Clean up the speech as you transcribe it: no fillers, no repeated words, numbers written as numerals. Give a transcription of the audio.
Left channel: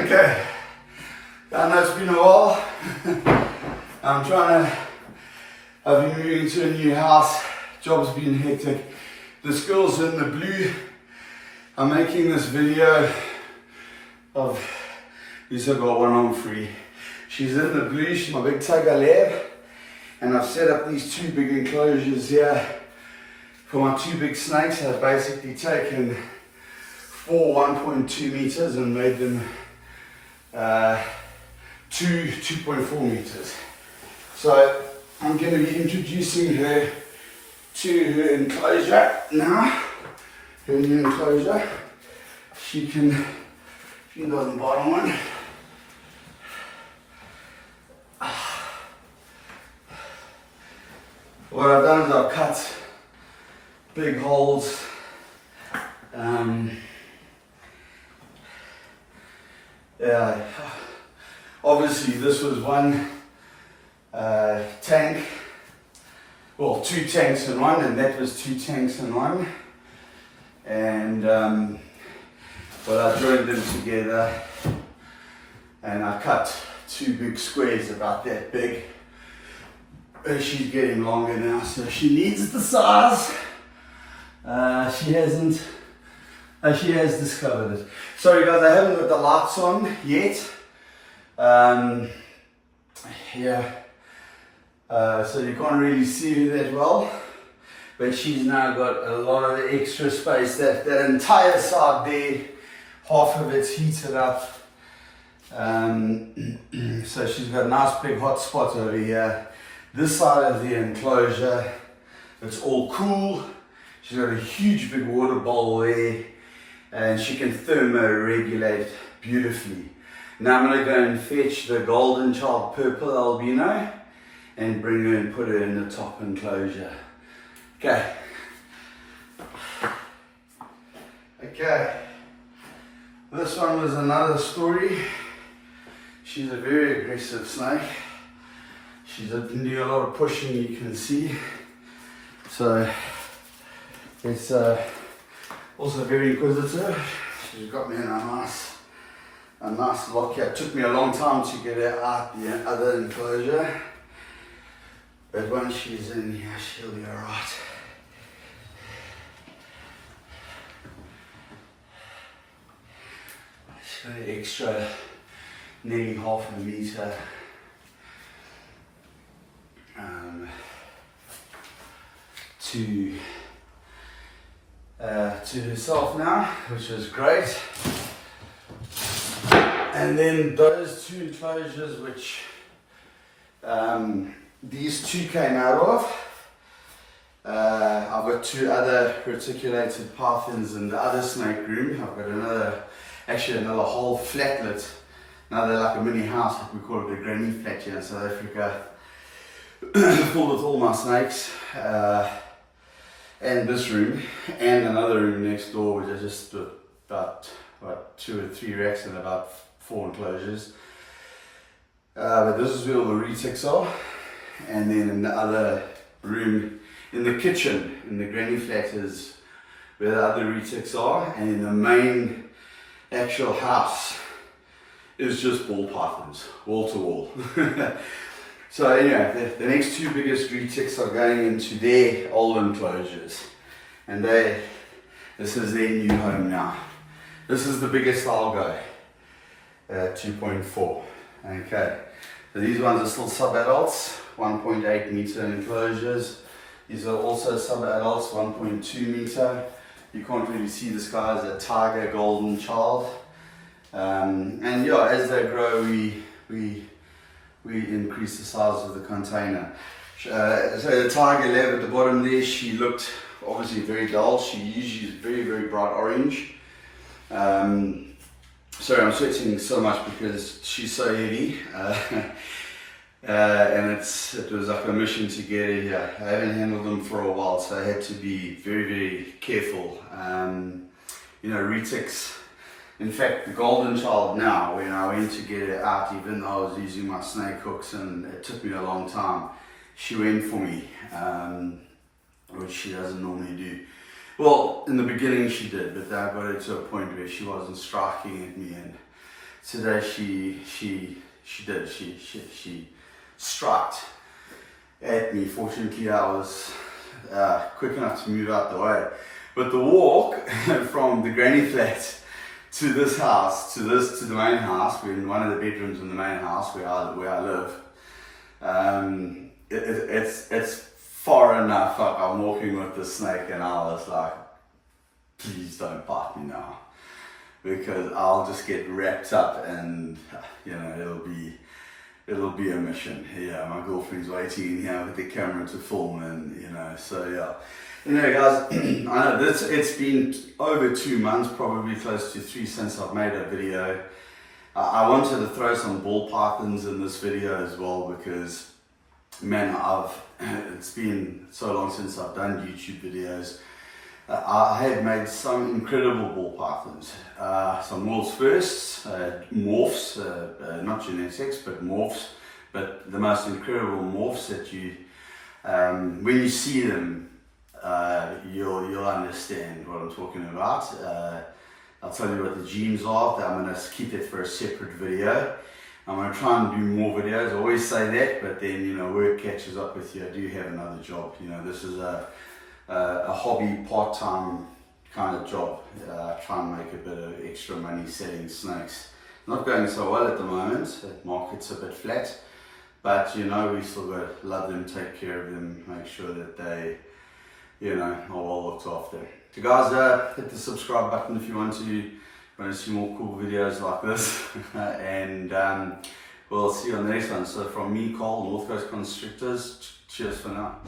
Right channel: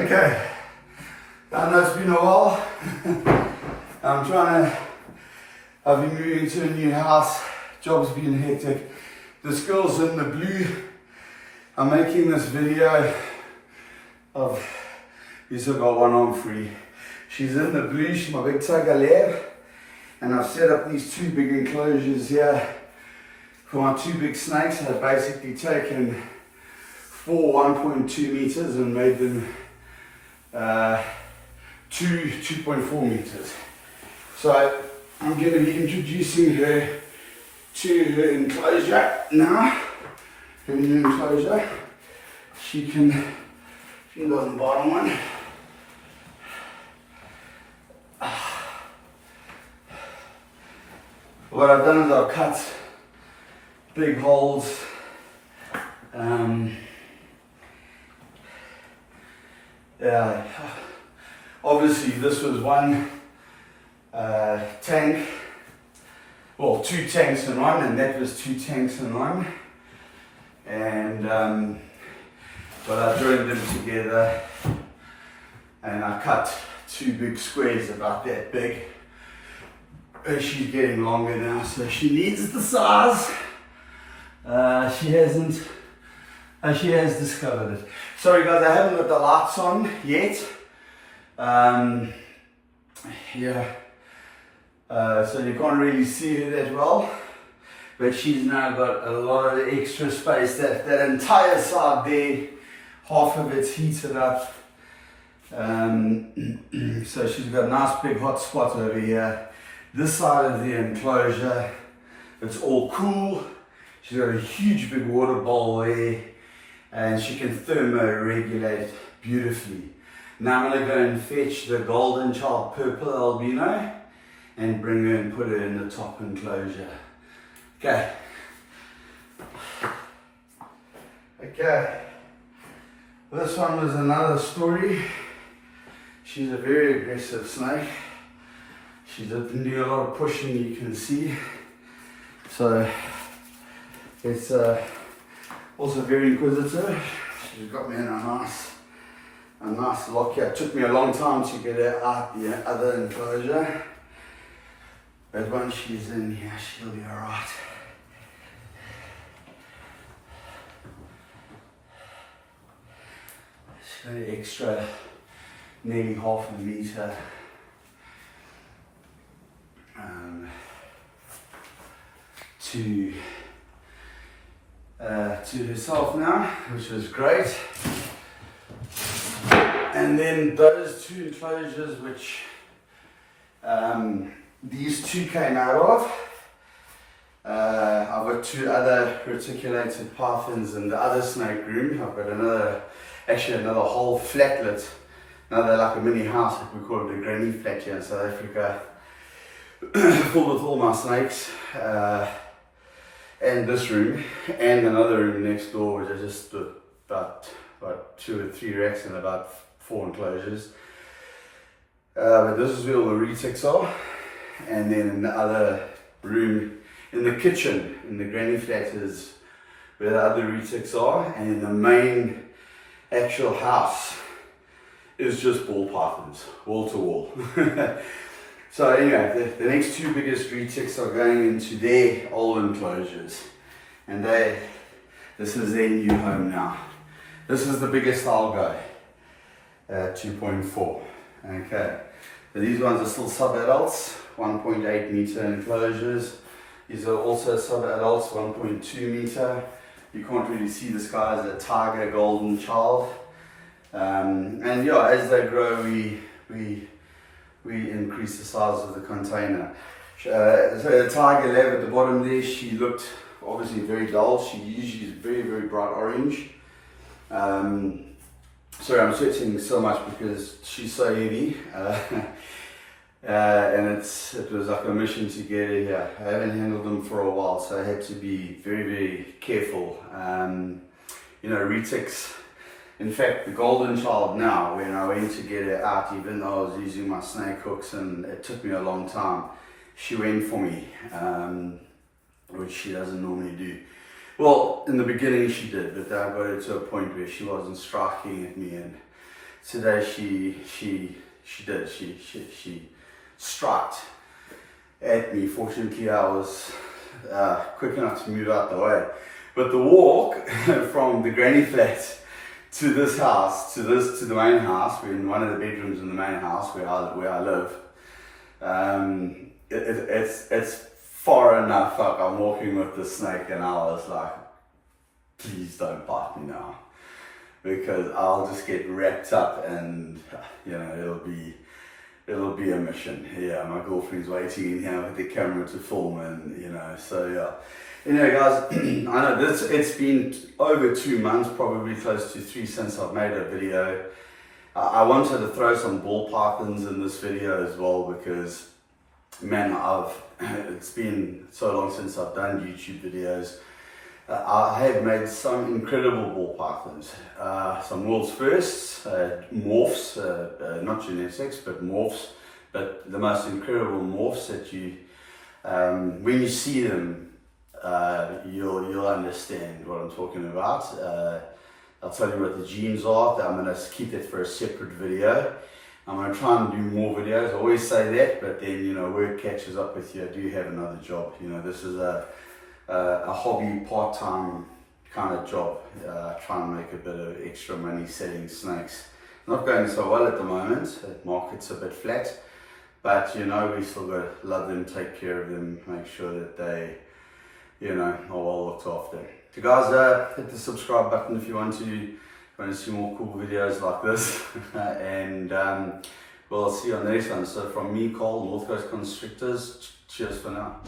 Okay, I know it's been a while. I've been moving to a new house. Job's been hectic. This girl's in the blue. I'm making this video of, these have got one arm free. She's in the blue, she's my big tiger lab. And I've set up these two big enclosures here for my two big snakes. I've basically taken 1.2 meters and made them 2.4 meters. So I'm going to be introducing her to her enclosure now. Her new enclosure. She doesn't bottom one. What I've done is I've cut big holes. Obviously this was one tank, well, two tanks in one, and that was two tanks in one. And but I joined them together and I cut two big squares about that big. And she's getting longer now, so she needs the size. She has discovered it. Sorry guys, I haven't got the lights on yet. So you can't really see her that well. But she's now got a lot of extra space. That entire side there, half of it's heated up. So she's got a nice big hot spot over here. This side of the enclosure, it's all cool. She's got a huge big water bowl there. And she can thermoregulate beautifully. Now I'm going to go and fetch the golden child purple albino and bring her and put her in the top enclosure. Okay. This one was another story. She's a very aggressive snake. She's been doing a lot of pushing, you can see. So it's also very inquisitive. She's got me in a nice lock here. It took me a long time to get her out the other enclosure. But once she's in here, she'll be alright. She's got an extra nearly half a meter to herself now, which is great. And then those two enclosures, which these two came out of. I've got two other reticulated pythons in the other snake room. I've got another whole flatlet, another like a mini house, like we call it a granny flat here in South Africa, full with all my snakes. And this room, and another room next door, which are just about 2 or 3 racks and about 4 enclosures. But this is where all the retics are. And then in the other room, in the kitchen, in the granny flat, is where the other retics are. And in the main actual house is just ball pythons, wall to wall. So anyway, the next two biggest retics are going into their old enclosures. And this is their new home now. This is the biggest I'll go, 2.4. Okay, so these ones are still sub-adults, 1.8 meter enclosures. These are also sub-adults, 1.2 meter. You can't really see this guy as a tiger golden child. And yeah, as they grow, we increase the size of the container. So the tiger lab at the bottom there, she looked obviously very dull. She usually is very, very bright orange. Sorry, I'm sweating so much because she's so heavy. And it was like a mission to get her here. I haven't handled them for a while, so I had to be very, very careful. Retics. In fact, the golden child now, when I went to get her out, even though I was using my snake hooks and it took me a long time, she went for me, which she doesn't normally do. Well, in the beginning she did, but then I got her to a point where she wasn't striking at me, and today she struck at me. Fortunately, I was quick enough to move out the way. But the walk from the granny flat to this house, to the main house, we're in one of the bedrooms in the main house where I live. It's far enough. Like, I'm walking with the snake, and I was like, please don't bite me now, because I'll just get wrapped up, and you know, it'll be a mission. Yeah, my girlfriend's waiting in here with the camera to film, and you know, so yeah. Anyway, guys, I know it's been over 2 months, probably close to 3, since I've made a video. I wanted to throw some ball pythons in this video as well, because man, it's been so long since I've done YouTube videos. I have made some incredible ball pythons, some world's firsts, morphs, not genetics, but morphs, but the most incredible morphs that you, when you see them, you'll understand what I'm talking about. I'll tell you what the genes are. I'm going to keep that for a separate video. I'm going to try and do more videos. I always say that, but then, you know, work catches up with you. I do have another job. You know, this is a hobby, part-time kind of job. Try and make a bit of extra money selling snakes. Not going so well at the moment. The market's a bit flat, but you know, we still got to love them, take care of them, make sure that they, you know, are well looked after. So guys, hit the subscribe button if you want to see more cool videos like this. And we'll see you on the next one. So from me, Carl, North Coast Constrictors, cheers for now.